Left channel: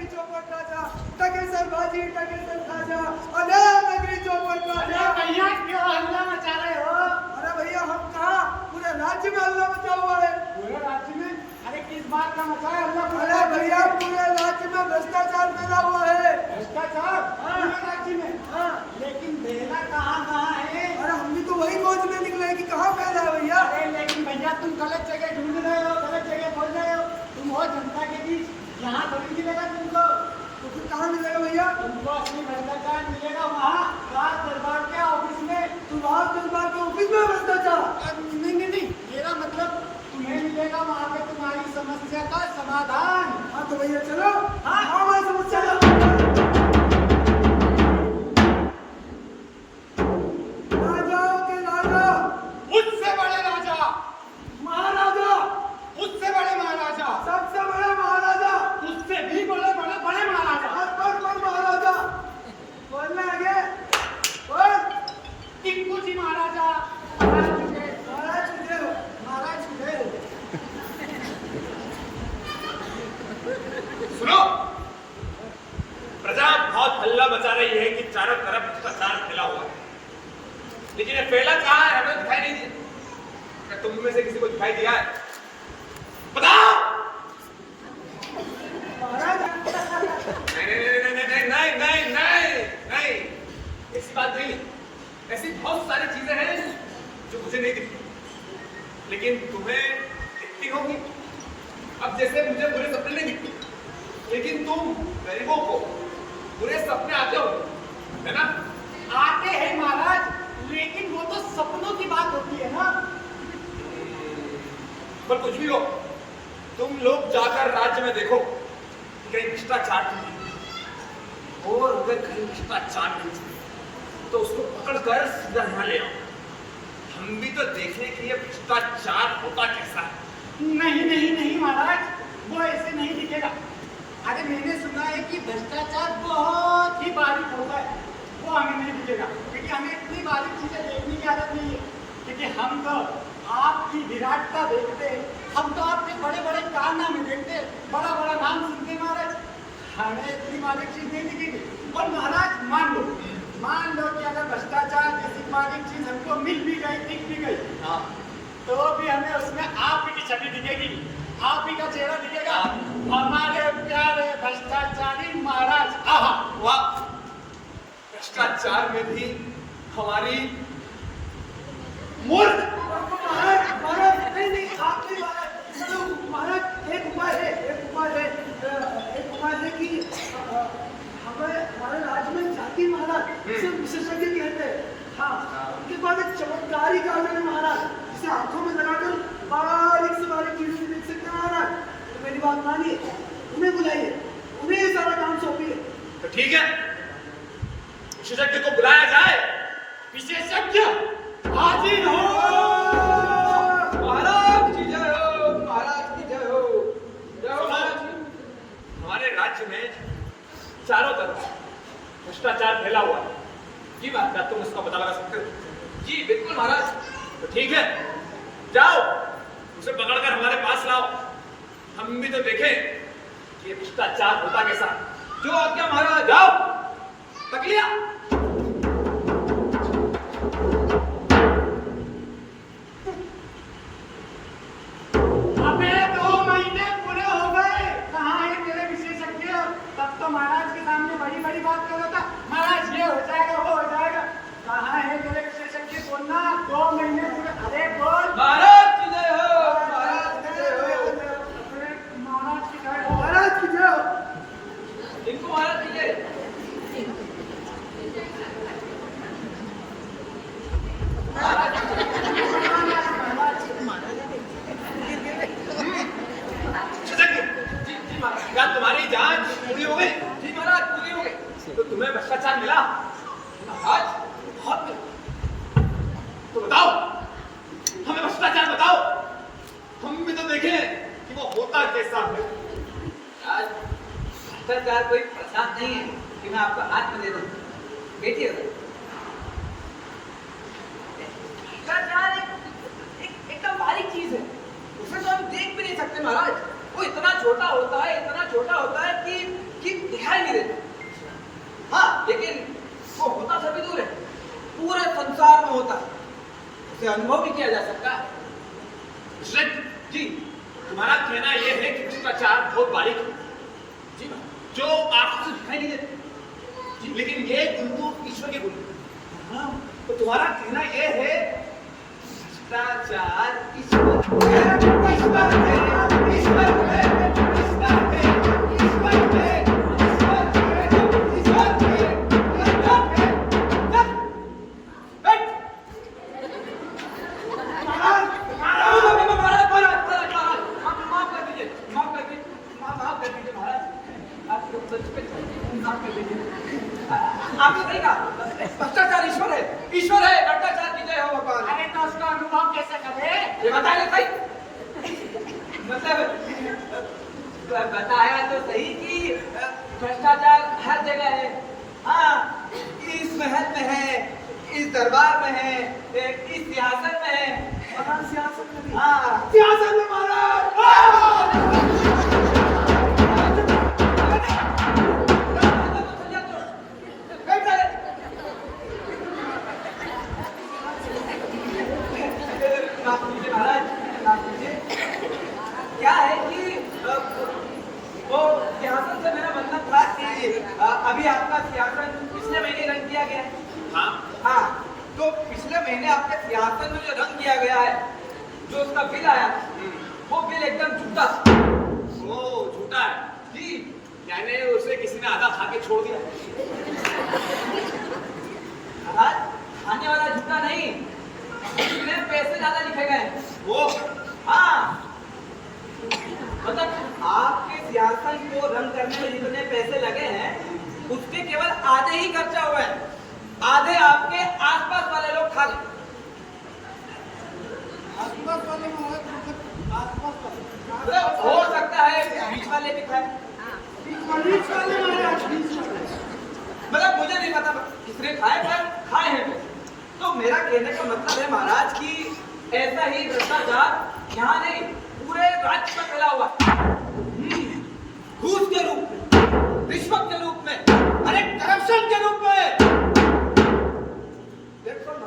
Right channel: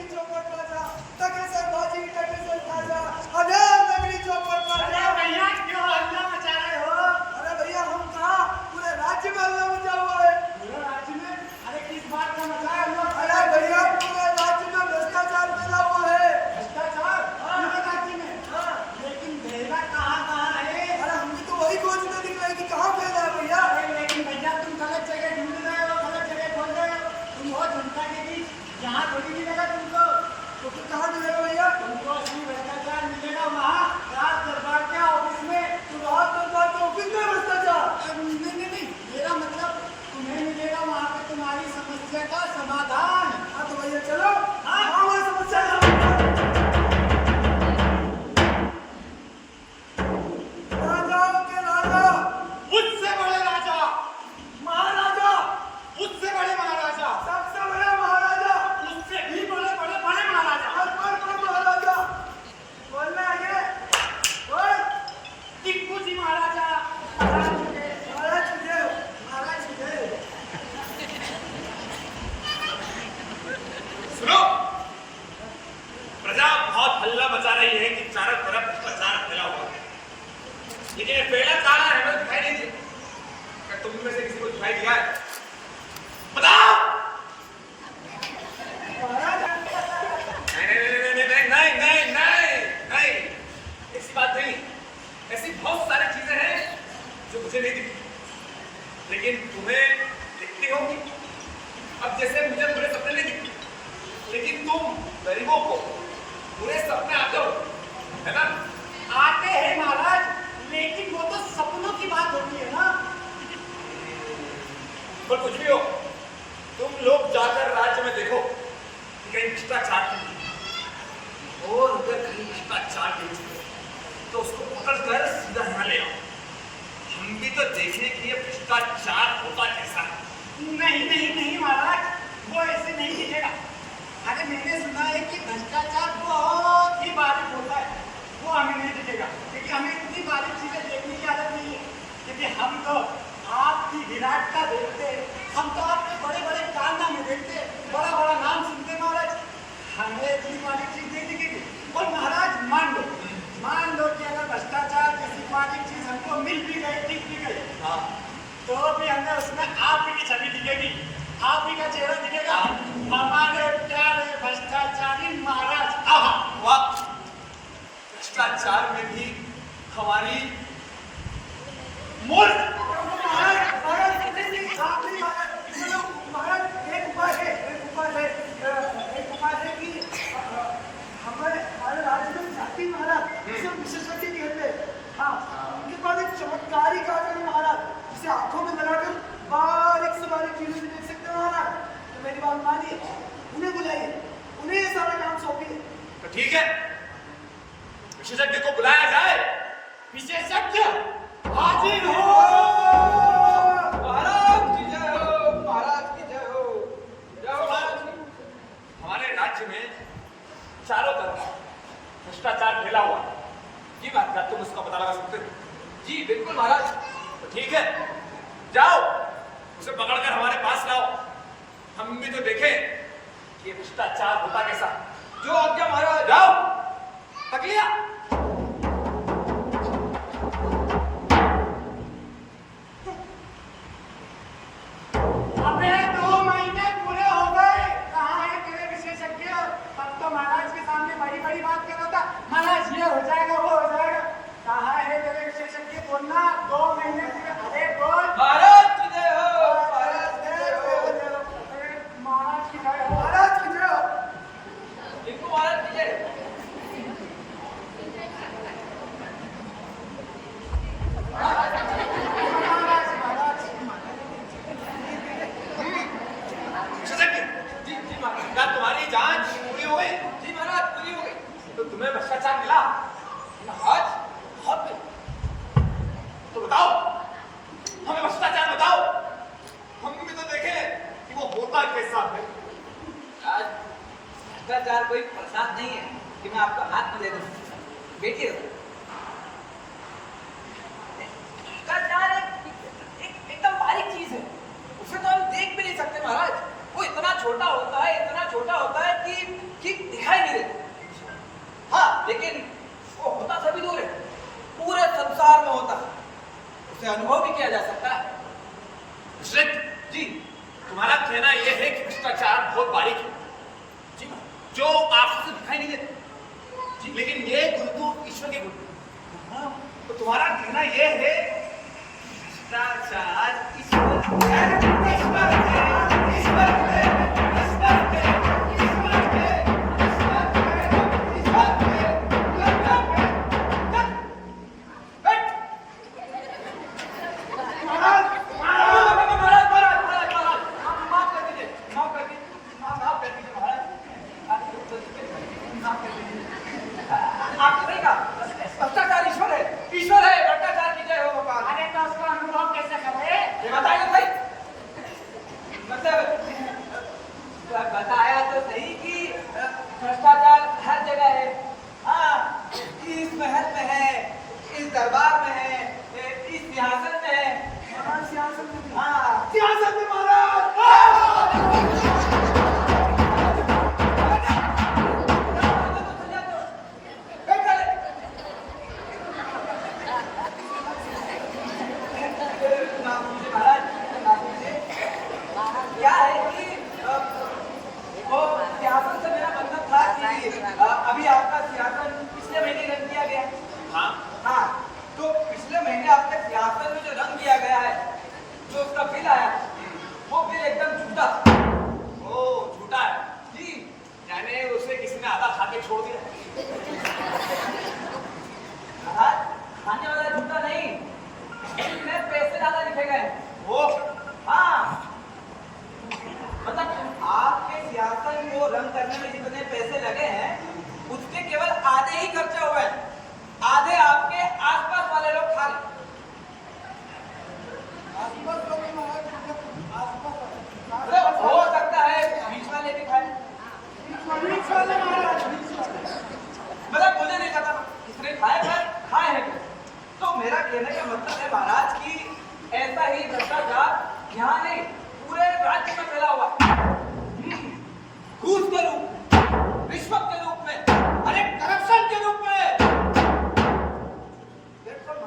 नगरी चौपट राजा, टकेसर बाजी टकेसर खाजा, अरे नगरी चौपट राजा। भैया क्यों हल्ला मचा रहे हो? अरे भैया हम कहाँ, पूरे राज्य में हल्ला मचा हुआ है। पूरे राज्य में? अरे किस बात का मचा है हल्ला? अरे भैया पूरे राज्य में भ्रष्टाचार फैला हुआ है। भ्रष्टाचार पूरे राज्य में? हाँ। लेकिन देना कहाँ है? अरे हम भी तो वही खोजने निकले कि कहाँ फैला है भैया। अरे लेकिन भैया तुम गलत जगह ढूंढ रहे हो, गलत जगह खोज रहे हो। तुम हो जनता के बीच, यहाँ थोड़ी मिलेगा तुमको। तो फिर कहाँ मिलेगा भैया? तुमको असली भ्रष्टाचार मिलेगा वहाँ राज दरबार के ऑफिस में। तुम राज दरबार के ऑफिस में भ्रष्टाचार? नहीं, मेरा मतलब तुम्हें मिलेगा वहाँ पे तुम्हारी समस्या का समाधान। हाँ तो भैया चलो। हाँ। हमारी समस्या का राजाओं के राजा, मुझसे बड़े राजा, महाराजा, मुझसे बड़े महाराजा, सबसे बड़े महाराजा, मुझसे भी बड़े बड़े बड़े महाराजा, अकबर महाराजा। बोलने आगे बोल। टिप्पू जी महाराजा, महाराज जी थे, महाराज तुझे महाराज जी थे। सुनो, प्रजा बहुत हल्ला मचा रही है कि चारों तरफ भ्रष्टाचार फैला हुआ है, लेकिन ये फैला कहाँ है हमें दिखाई नहीं दिया। क्या तुम में से किसी को दिखाई दिया है? बताओ। नहीं, ऐसी बात नहीं। ऐसी बहुत सारी चीजें हैं जो मुझे नहीं दिखती, लेकिन तुम्हें दिखती होंगी। अब जैसे मुझे बुरे सपने नहीं दिखते, लेकिन तुम गरीबों को बुरे सपने आते हो, है ना? आते हैं महाराज, लेकिन वो तो सपनों की बात होती है ना। पर कुछ भी हो, तुम लोग जाकर राज्य में देखो कि कहीं भ्रष्टाचार नहीं, और अगर कहीं भ्रष्टाचार नहीं तो उसको पकड़कर सीधा यहाँ ले आओ। हम भी तो देखें कि ये भ्रष्टाचार होता कैसा है। नहीं महाराज, वो ऐसे नहीं दिखेगा। अरे मैंने सुना है कि भ्रष्टाचार बहुत ही बारीक होता है, वो हमें नहीं दिखेगा, क्योंकि हमें इतनी बारीक चीजें देखने की आदत नहीं है। क्योंकि हम तो आपकी विराटता देखते हैं, हम तो आपके बड़े बड़े कारनामे देखते हैं, बड़ा बड़ा नाम सुनते हैं महाराज। हमें इतनी बारीक चीज नहीं दिखेगी। और महाराज मान लो कि अगर भ्रष्टाचार जैसी बारीक चीज हमको मिल भी गई, दिख भी गई, तो भी हमें उसमें आप ही की छवि दिखेगी, आप ही का चेहरा दिखेगा, हमारे प्यारे भ्रष्टाचारी महाराज। वाह, भ्रष्टाचार में भी हमारी मूर्ख। महाराज नहीं आप नहीं महाराज। चलो महाराज एक उपाय है कि हमारे राज्य में जाति महाराज जिसे विशेषज्ञ कहते हैं। हाँ, उनके बाद एक चमत्कारी काजल है महाराज, जिसे आंखों में लगाकर बारीक से बारीक चीज भी देख सकते हैं महाराज। तो मेरी बात मानिए, उन्हें बुलाइए, उन्हें ये सारा काम सौंपिए। तो ठीक है, विशेषज्ञ को बुलाया जाए। विशेषज्ञ हाजिर हो। महाराज की जय हो, महाराज की जय हो, जय हो महाराज की। हमारे राज्य में चारों तरफ भ्रष्टाचार फैला हुआ है। ये बात क्या तुम उसका पता लगा सकते हो? जी बिल्कुल महाराज। तो ठीक है, जाओ उसे पकड़कर हमारे पास लाओ, हम भी तो देखें कि ये भ्रष्टाचार होता कैसा। जो आज्ञा महाराज। जाओ, पकड़ लिया। अबे 2 महीने पूरे हो गए, कहाँ है तेरे विशेषज्ञ? तब तो महाराज के सामने बड़ी बड़ी बात कर रहा था, महाराज ये हो जाएगा, वो हो जाएगा। कहाँ है तेरे विशेषज्ञ? बोलना, 2 महीने पूरे। अरे बोल। महाराज की जय हो, महाराज की जय हो, महाराज की जय हो। महाराज की जय हो। इनको महाराज की जय। विशेषज्ञ, क्या तुम्हारी जांच पूरी हो गई? जी महाराज पूरी हो गई। तो तुम्हें भ्रष्टाचार मिला? महाराज बहुत नहीं। तो बताओ, हमें भ्रष्टाचार बताओ, हम भी तो देखें कि वो होता कैसा है। आज भ्रष्टाचार कोई प्रसाद नहीं है कि मैं आपका हाथ में दे दूं। बैठिए। भ्रष्टाचार एकदम बारीक चीज है, उसे तो हम देख भी नहीं सकते महाराज। वो इतना छोटा होता है कि उसे अनुभव भी किया जा सकता है। मिश्रित जी तुम्हारा कहना यह है कि भ्रष्टाचार बहुत बारीक है जी मैम। जो आंखों से दिखाई नहीं देते लेकिन ये गुण तो ईश्वर के गुण हैं। हाँ। तो तुम्हारा कहना यह है भ्रष्टाचार ईश्वर है, ईश्वर है, ईश्वर है, ईश्वर है, ईश्वर है, ईश्वर है, ईश्वर है, ईश्वर है। बैठ। भ्रष्टाचार ईश्वर है, ईश्वर है, भ्रष्टाचार की जय हो भगवान। अरे तो उसका अनुभव कैसे करे? ये बताइए भाई, मतलब बताया तो सही कि भ्रष्टाचार हर जगह है। हाँ, इस महल में है, इस दरबार में है, इस सिंहासन में है। महाराज सियासत में भी। हाँ, सियासत में महाराज माफ कीजिए महाराज, माफ कीजिए। क्या है कि वो सियासत से मेरा मतलब था कि अभी आपका सियासन पिछले महीने रंग किया गया है। हाँ हाँ, तो पिछले महीने आपके सियासन में जो रंग किया गया है, जो उसका बिल आया, वो बिल एकदम झूठा। वो झूठा है जी यानी उसे किसी ने आधा खा के छोड़ दिया। महाराज, खाने वाला झूठा नहीं, इसमें पैसे ज्यादा लिखे गए हैं। वो हाँ, मतलब आपके सियासन को रंग करने में जितने पैसे लगे हैं, उसके केवल आधे ही खर्चा हुए हैं, आधे आपके आसपास वाले लोग खा गए। आसपास वाले महाराज आसपास वाले मतलब हो सकता है बीच वाले भी खाए, बीच वाले महाराज बीच वाले मतलब मुझे नहीं पता किसने खाए, पर खाए हैं। तो मेरा कहने का मतलब है महाराज कि ऐसा ही भ्रष्टाचार यहाँ नहीं, पूरे राज्य में फैला हुआ है। घूस के रूप में, रिश्वत के रूप में, अरे करप्शन के रूप में। देखो ना।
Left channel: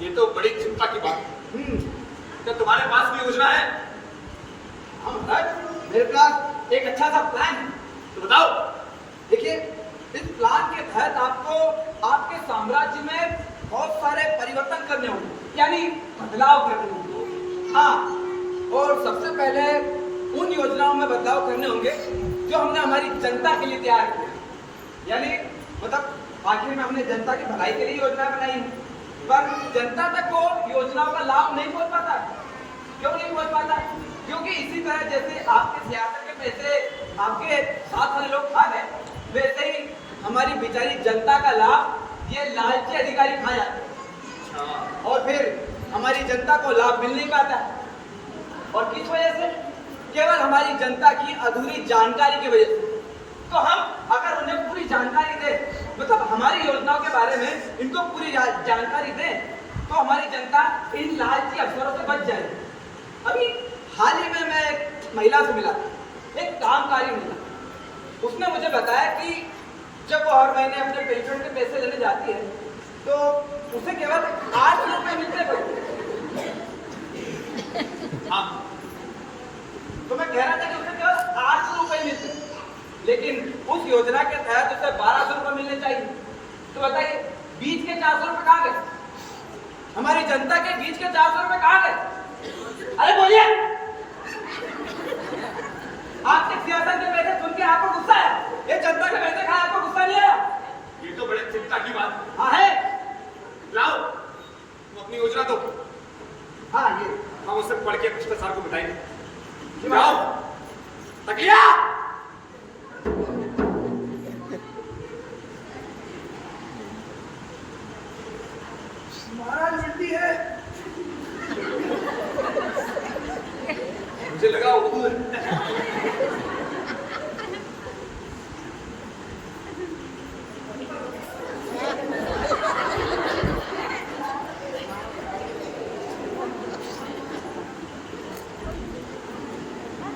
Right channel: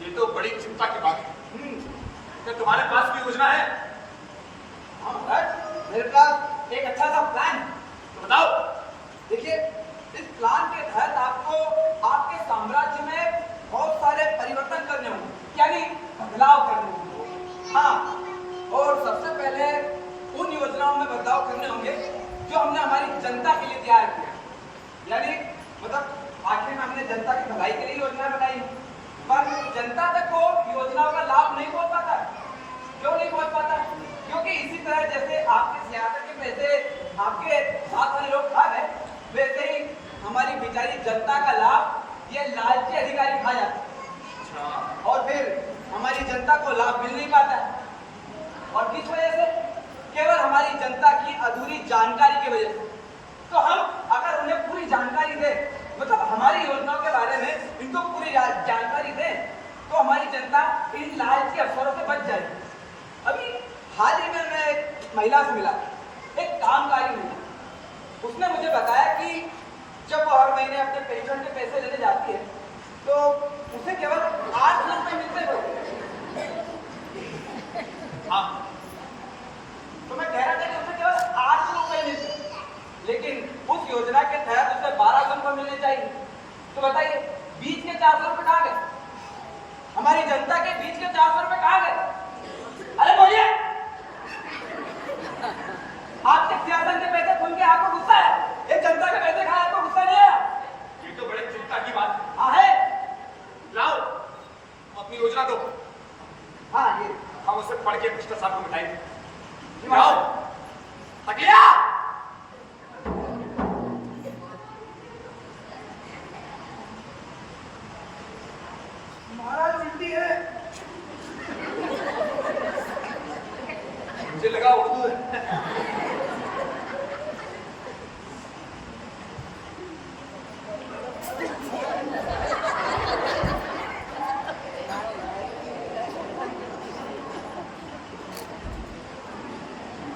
ये तो बड़ी चिंता की बात है। क्या तुम्हारे पास भी योजना है? हाँ महाराज, मेरे पास एक अच्छा सा प्लान है। तो बताओ। देखिए, इस प्लान के तहत आपको आपके साम्राज्य में बहुत सारे परिवर्तन करने होंगे, यानी बदलाव करने होंगे। हाँ, और सबसे पहले उन योजनाओं में बदलाव करने होंगे जो हमने हमारी जनता के लिए तैयार की है। यानी मतलब आखिर में हमने जनता की भलाई के लिए योजना बनाई, पर जनता तक वो योजनाओं का लाभ नहीं पहुंच पाता। क्यों नहीं पहुंच पाता? क्योंकि इसी तरह जैसे आपके सियासत के पैसे आपके साथ वाले लोग खा गए, वैसे ही हमारी बेचारी जनता का लाभ ये लालची अधिकारी खा जाते हैं। और फिर हमारी जनता को लाभ मिल नहीं पाता है। और किस वजह से? केवल हमारी जनता की अधूरी जानकारी की वजह से। तो हम अगर उन्हें पूरी जानकारी दें, मतलब हमारी योजनाओं के बारे में इनको पूरी जानकारी दें, तो हमारी जनता इन लालची अफसरों से बच जाएगी। अभी हाल ही में मैं एक महिला से मिला, एक कामकारी महिला। उसने मुझे बताया कि जब वो हर महीने अपने पेंशन के पैसे लेने जाती है, तो उसे केवल 8 रुपए मिलते थे। हाँ तो मैं कह रहा था कि उसे केवल 8 रुपए मिलते, लेकिन उस योजना के तहत उसे 1200 रुपए मिलने चाहिए। तो बताइए, बीच के 400 रुपए कहाँ गए? हमारी जनता के बीच के 400 रुपए कहाँ गए? अरे बोलिए। आपके सियासत के पैसे सुन के आपको गुस्सा है? ये जनता के पैसे खाए आपको गुस्सा नहीं है? ये तो बड़े चिंता की बात है। हाँ है। लाओ तुम अपनी योजना दो, हाँ ये हम उससे पढ़ के भ्रष्टाचार को मिटाएंगे। ये लाओ तकिया। महाराज उल्टी है। मुझे लगा उर्दू है।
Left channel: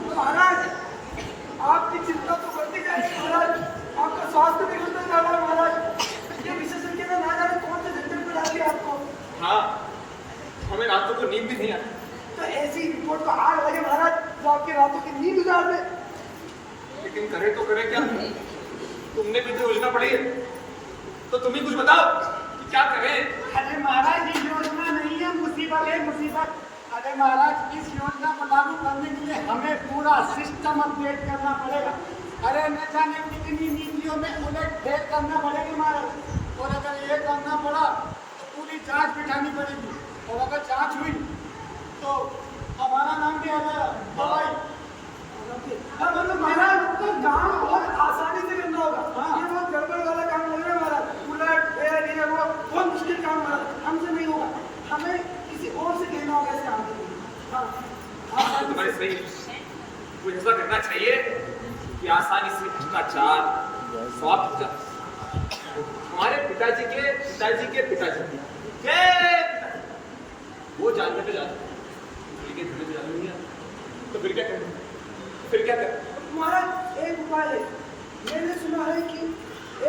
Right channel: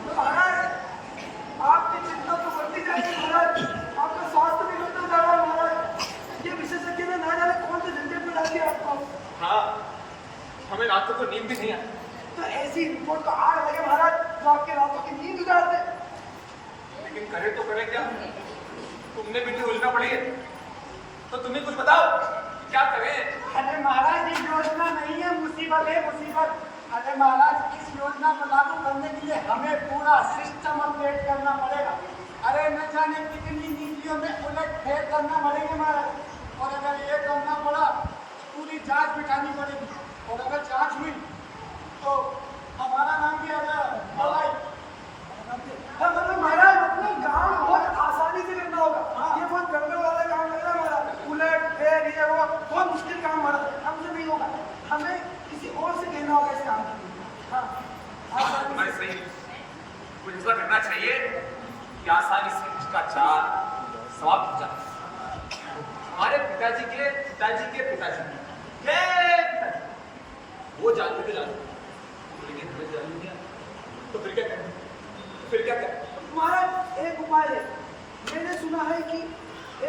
महाराज करे तो करे क्या? तुमने भी तो योजना पड़ी है, तो तुम ही कुछ बताओ कि क्या करें? अरे महाराज ये योजना नहीं है, मुसीबत है मुसीबत। अरे महाराज इस योजना को लागू करने के लिए हमें पूरा सिस्टम अपडेट करना पड़ेगा। अरे न जाने कितनी नीतियों में उलट फेर करना पड़ेगा महाराज। और अगर ये करना पड़ा तो पूरी जांच बिठानी पड़ेगी, और अगर जांच हुई तो हमारा नाम भी आ जाएगा। मतलब महाराज अपना काम बहुत आसानी से करना होगा। ये बहुत गड़बड़ वाला काम लग रहा है महाराज, उलट फेर ये वो बहुत मुश्किल काम महाराज, हमसे नहीं होगा। हमें किसी और से कहना होगा इस काम के लिए। हाँ तुम्हारी सही है। कुछ ऐसा करना चाहिए कि आसानी से भ्रष्टाचार समाप्त हो जाए। हमारे पिताजी के पिताजी के पिताजी के वो जानते थे जानते, लेकिन हमें जानने नहीं आया, तो फिर क्या करें? फिर क्या करें? महाराज एक उपाय है। मैंने सुना है कि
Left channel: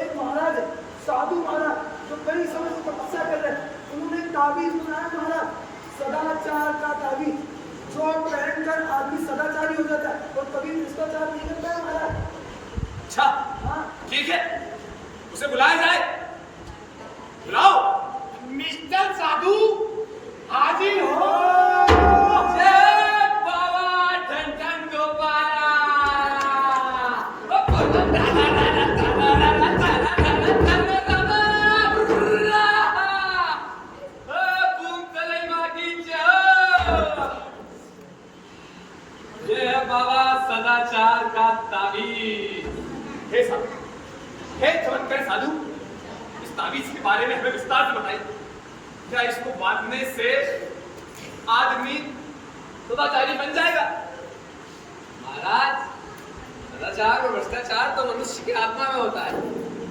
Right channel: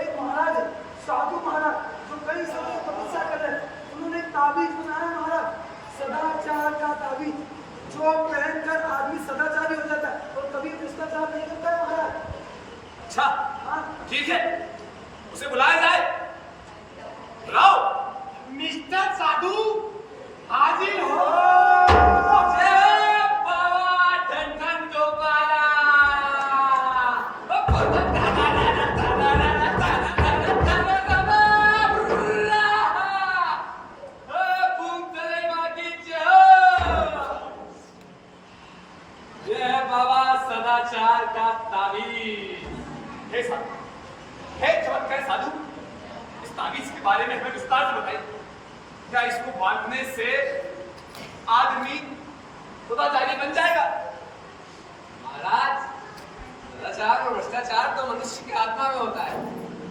एक महाराज है, साधु महाराज, जो कई समय से तपस्या कर रहे हैं। उन्होंने एक ताबीज बनाया महाराज, सदाचार का ताबीज, जो पहनकर आदमी सदाचारी हो जाता है और कभी भ्रष्टाचार नहीं करता है महाराज। अच्छा हाँ ठीक है, उसे बुलाया जाए। बुलाओ। मिस्टर साधु हाजिर हो। सदाचार का ताबीज। हे साधु, हे चमत्कार साधु, इस ताबीज के बारे में हमें विस्तार से बताइए। क्या इसको बांधने से आदमी सदाचारी बन जाएगा? महाराज, सदाचार और भ्रष्टाचार तो मनुष्य की आत्मा में होता है,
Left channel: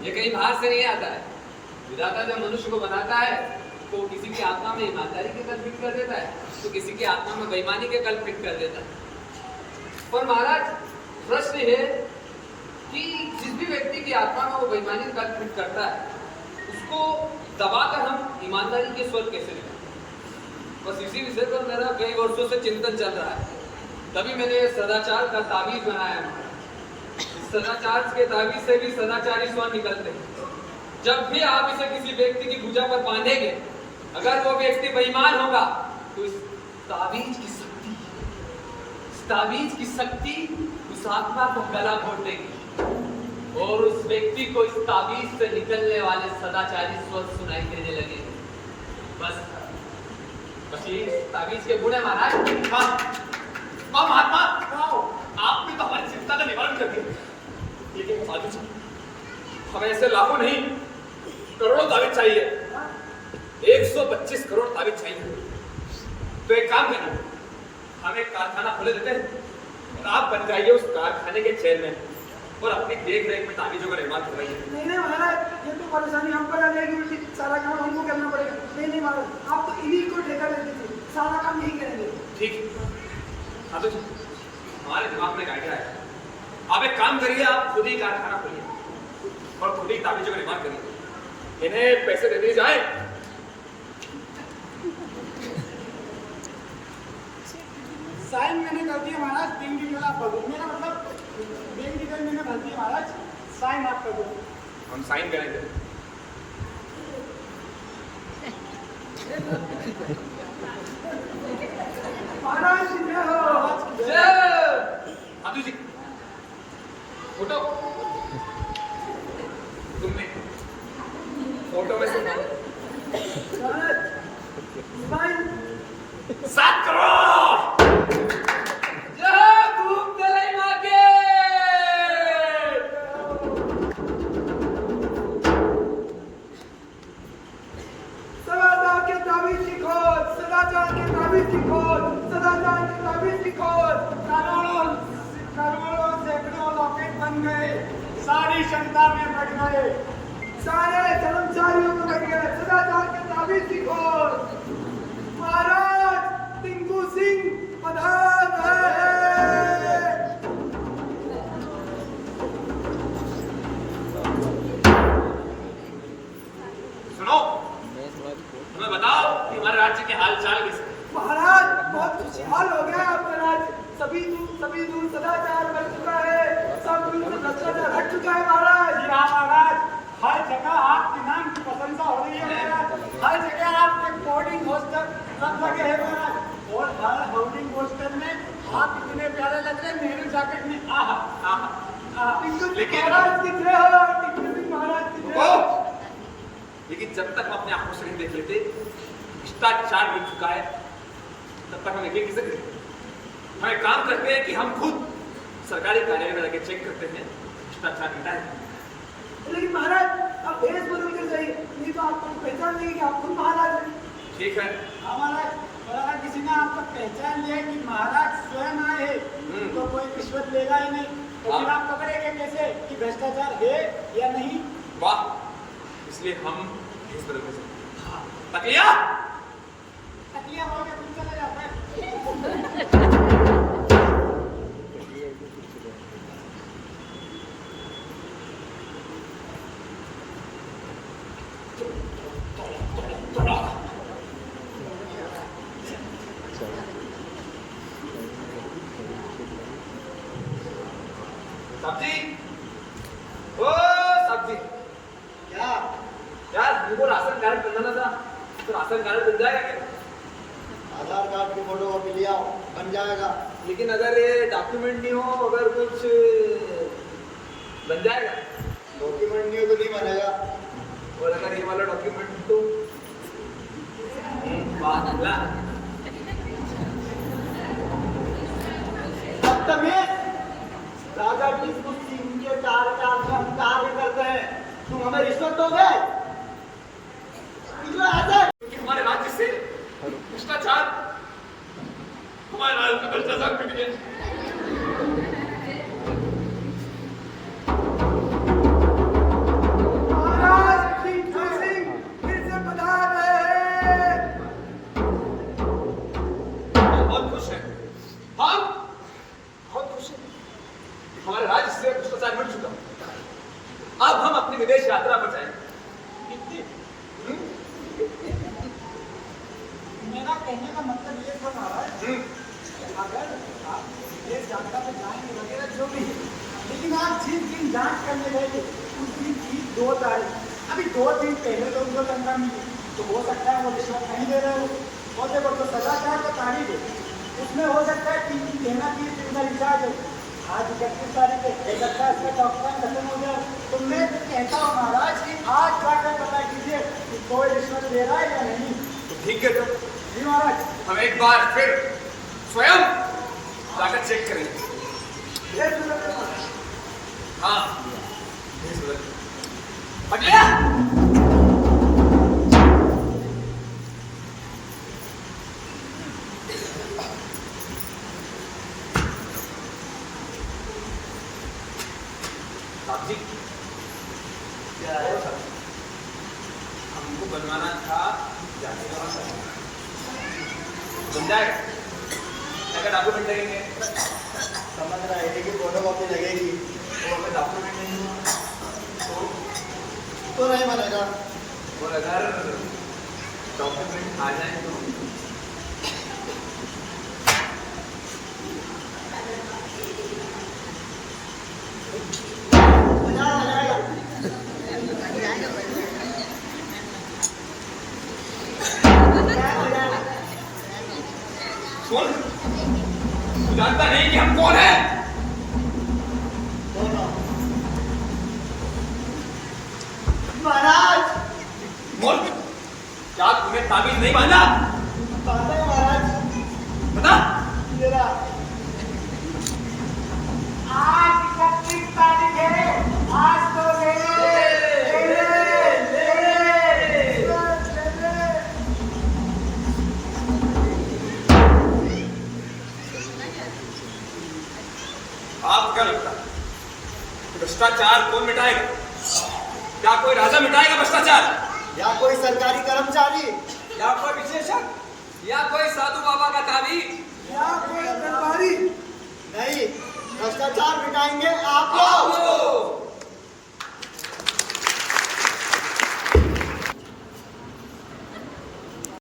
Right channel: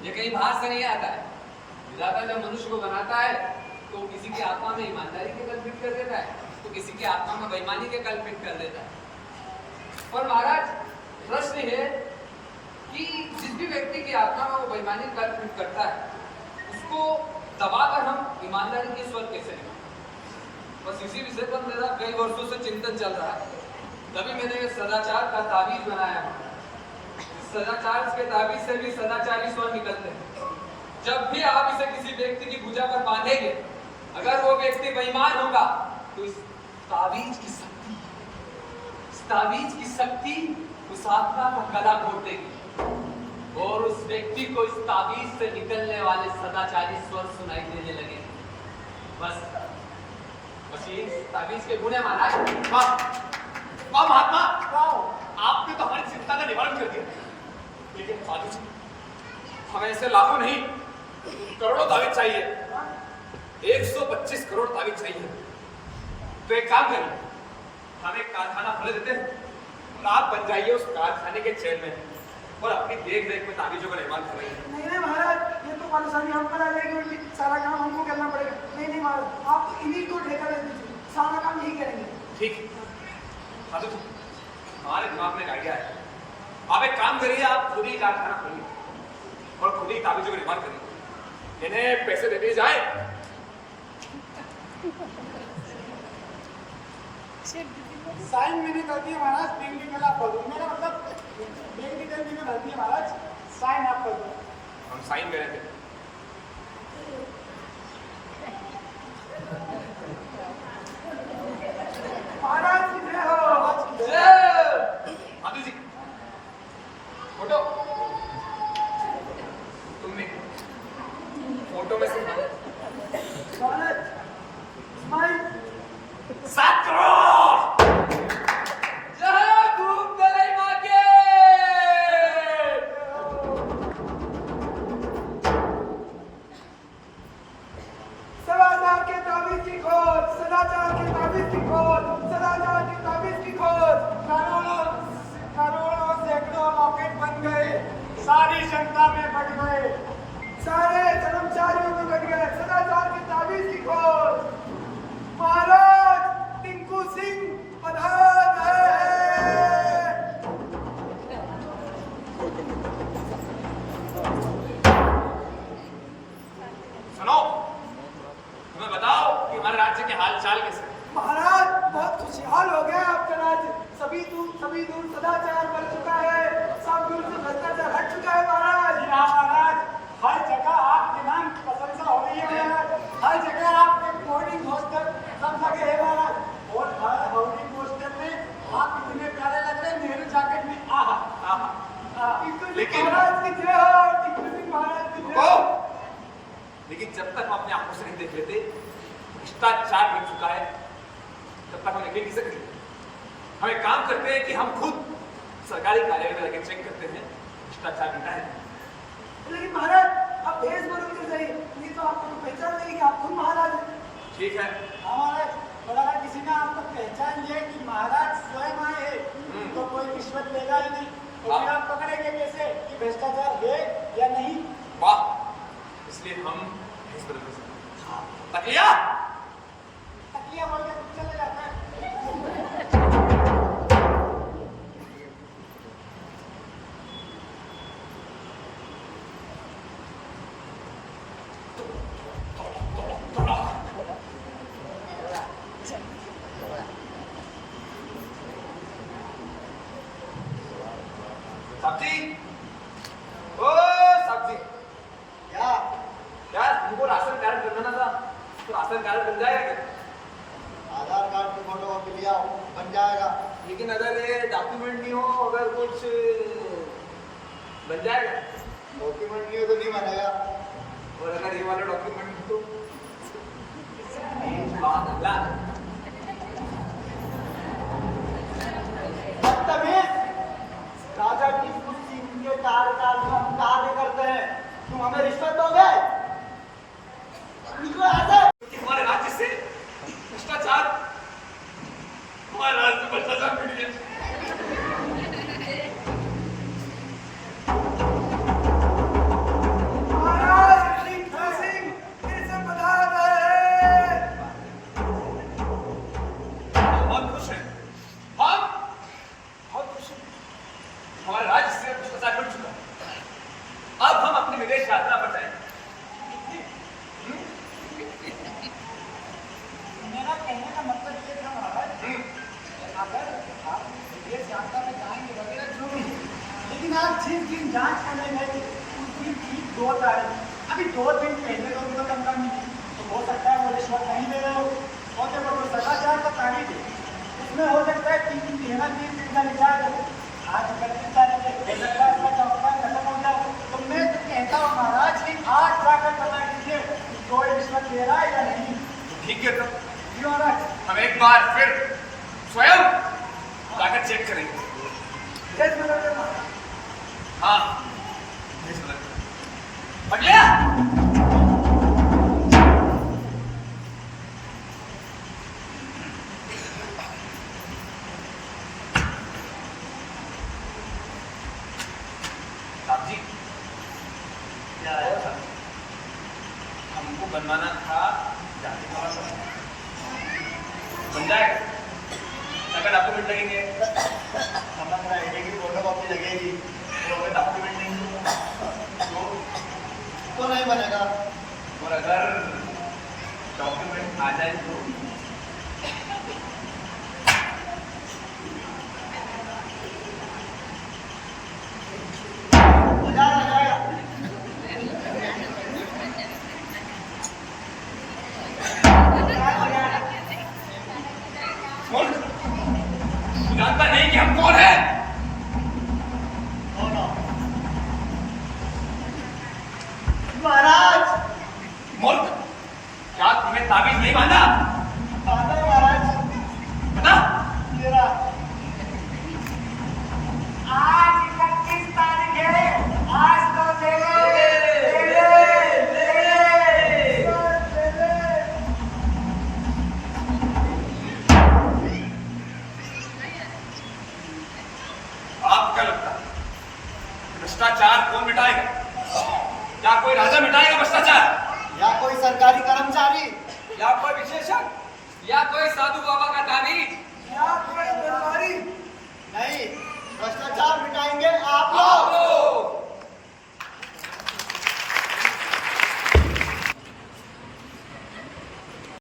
ये कहीं बाहर से नहीं आता है। विधाता जब मनुष्य को बनाता है तो किसी की आत्मा में ईमानदारी के कल्पित कर देता है, तो किसी की आत्मा में बेईमानी के कल्पित कर देता है। पर महाराज प्रश्न है कि जिस भी व्यक्ति की आत्मा में वो बेईमानी कल्पित करता है, उसको दबाकर हम ईमानदारी के स्वर कैसे लें? बस इसी विषय पर मेरा कई वर्षों से चिंतन चल रहा है, तभी मैंने ये सदाचार का ताबीज बनाया है। इस सदाचार के ताबीज से भी सदाचारी स्वर निकलते हैं। जब भी आप इसे किसी व्यक्ति की भुजा पर बांधेंगे, अगर वो व्यक्ति बेईमान होगा तो इस ताबीज की शक्ति उस आत्मा का गला घोट देगी और उस व्यक्ति को इस ताबीज से निकलने वाले सदाचारी स्वर सुनाई देने लगे। बस ये ताबीज के गुण है महाराज। महात्मा, आपने तो हमारी चिंता का निवारण कर दिया, लेकिन साधु जी, हमें ऐसे लाखों नहीं करोड़ों ताबीज चाहिए। 125 करोड़ ताबीज चाहिए। तो एक काम करिए, हम एक कारखाना खोले देते हैं और आप बन जाइए उस कारखाने के चेयरमैन और अपनी देख रेख में ताबीजों का निर्माण करवाइए। नहीं नहीं महाराज, ये तो परेशानी हम पर आ जाएगी, उल्टी सारा काम हमको करना पड़ेगा। नहीं नहीं महाराज, आप तो इन्हीं को ठेका दे दीजिए, सारा काम यही करेंगे। ठीक है साधु जी, हमारे दिमाग में एक आइडिया है। आप एक काम करिए, आप खुद ही कारखाना खोलिए और खुद ही ताबीजों का निर्माण करिए। इन्हें पैसे दे दिए जाए। साइन मैंने कर दिया महाराज, बैंक डिटेल आप कर दो। मेरा मतलब बैंक डिटेल मैंने भर दिया महाराज, साइन आप कर दो। हम साइन करेंगे। महाराज कितने हो? साधु जी, फोटो तुमने फोटो में से महाराज स्माइल 7 करोड़। सदाचार के ताबीज की खोज, सदाचार के ताबीज की खोज, सदाचार के ताबीज की खोज। करोड़ों सैकड़ों रॉकेट बन गए, सारी क्षमता में बढ़ गए, सारे कर्मचारियों को घट गए। सदाचार के ताबीज की खोज। महाराज टिंकू सिंह पधार है। सुनो, हमें बताओ कि हमारे राज्य के हाल चाल कैसे? महाराज बहुत खुशहाल हो गया आपका राज्य। सभी दूर सदाचार बढ़ चुका है, सब दूर से जब तक हम अपने आंखों से नहीं देख लेते भ्रष्टाचार मिट चुका है, तब तक हम यकीन कैसे करेंगे? हम एक काम करते हैं कि हम खुद सरकारी कार्यालय में आके चेक करते हैं भ्रष्टाचार मिटा है। लेकिन महाराज आप भेष बदल कर जाइए, नहीं तो आपको पहचान नहीं कि आप खुद महाराज हैं। ठीक है, हमारे और अगर किसी ने आपको पहचान लिया कि महाराज स्वयं आए हैं तो कोई रिश्वत लेगा ही नहीं, तो फिर आप पकड़ेंगे कैसे कि भ्रष्टाचार है या नहीं? वाह, इसलिए हम भेष बदल कर सकते हैं। तकलिया तकलिया बोल के कुछ चला जाता है। सब्जी, ओ सब्जी, क्या यार हमको राशन कार्ड बनाना था, तो राशन कार्ड बन जाएगा क्या? आधार कार्ड की फोटोकॉपी लिया बन जाएगा। लेकिन अगर ये डॉक्यूमेंट नहीं हो, अगर कुछ बन जाएगा? डॉक्यूमेंट नहीं हो तो नहीं बनेगा। और अगर ये वाला डॉक्यूमेंट तो अल्लाह बदतमीज, राजा की कुर्सी के कार्यकाल में हम कार्य करते हैं, तुम हमें रिश्वत दोगे? निकलो यहाँ से। कि हमारे राज्य से भ्रष्टाचार, हमारे राज्य से भ्रष्टाचार मिट गया। महाराज लक्ष्मीपत सिंह फिर से पधार रहे हैं। हम बहुत खुश हैं, हम बहुत खुश हैं। हमारे राज्य से भ्रष्टाचार मिट चुका। अब हम अपनी विदेश यात्रा पर जाएंगे। मेरा कहने का मतलब ये था महाराज, अगर आप विदेश यात्रा पे जाएंगे वगैरह जो भी, लेकिन आप जिस दिन जांच करने गए थे उस दिन की 2 तारीख, अभी 2 दिन पहले तो उनको लंका मिली, तो हो सकता है मुझे रिश्वत नहीं दे रहे हो, और देखो तो सदाचार का तारीख है, उसमें हो सकता है 3 दिन देना 30 दिन का लिखा है, तो आज 31 तारीख है, हो सकता है इसका चौथा खत्म हो जाए, तो मैं कहता हूँ महाराज कि आज जाकर पता कीजिए कि कोई रिश्वत ले रहा है या नहीं। ठीक है, तो जी महाराज। हम एक बार फिर स्वयं जाकर चेक करेंगे। भेष बदल कर महाराज। हाँ, भेष बदल कर। अगले सब्जी क्या है? हमको बनवाना था, बन जाएगा? अगर डॉक्यूमेंट लगेंगे, समझ रहे हैं कि फोटोकॉपी लगेगी तो अगर डॉक्यूमेंट नहीं तो नहीं बनेगा। और अगर डॉक्यूमेंट आ जाए तो आ जाएगा। कौन जानता नहीं कि हम कौन हैं? महाराज मुल्क, क्या तुम्हें ताबीज नहीं बांधा? बाबा महाराज बता। मेरा आज 31 तारीख है, आज तो ले आपको क्या लगता है भ्रष्टाचार कौन मिटाएगा? क्या कोई राजा मिटाएगा भ्रष्टाचार? या कोई सरकारी कर्मचारी, या कोई विशेषज्ञ, या कोई साधु बाबा का ताबीज? या कोई दरबारी? नहीं, भ्रष्टाचार मिटाएंगे आप लोग।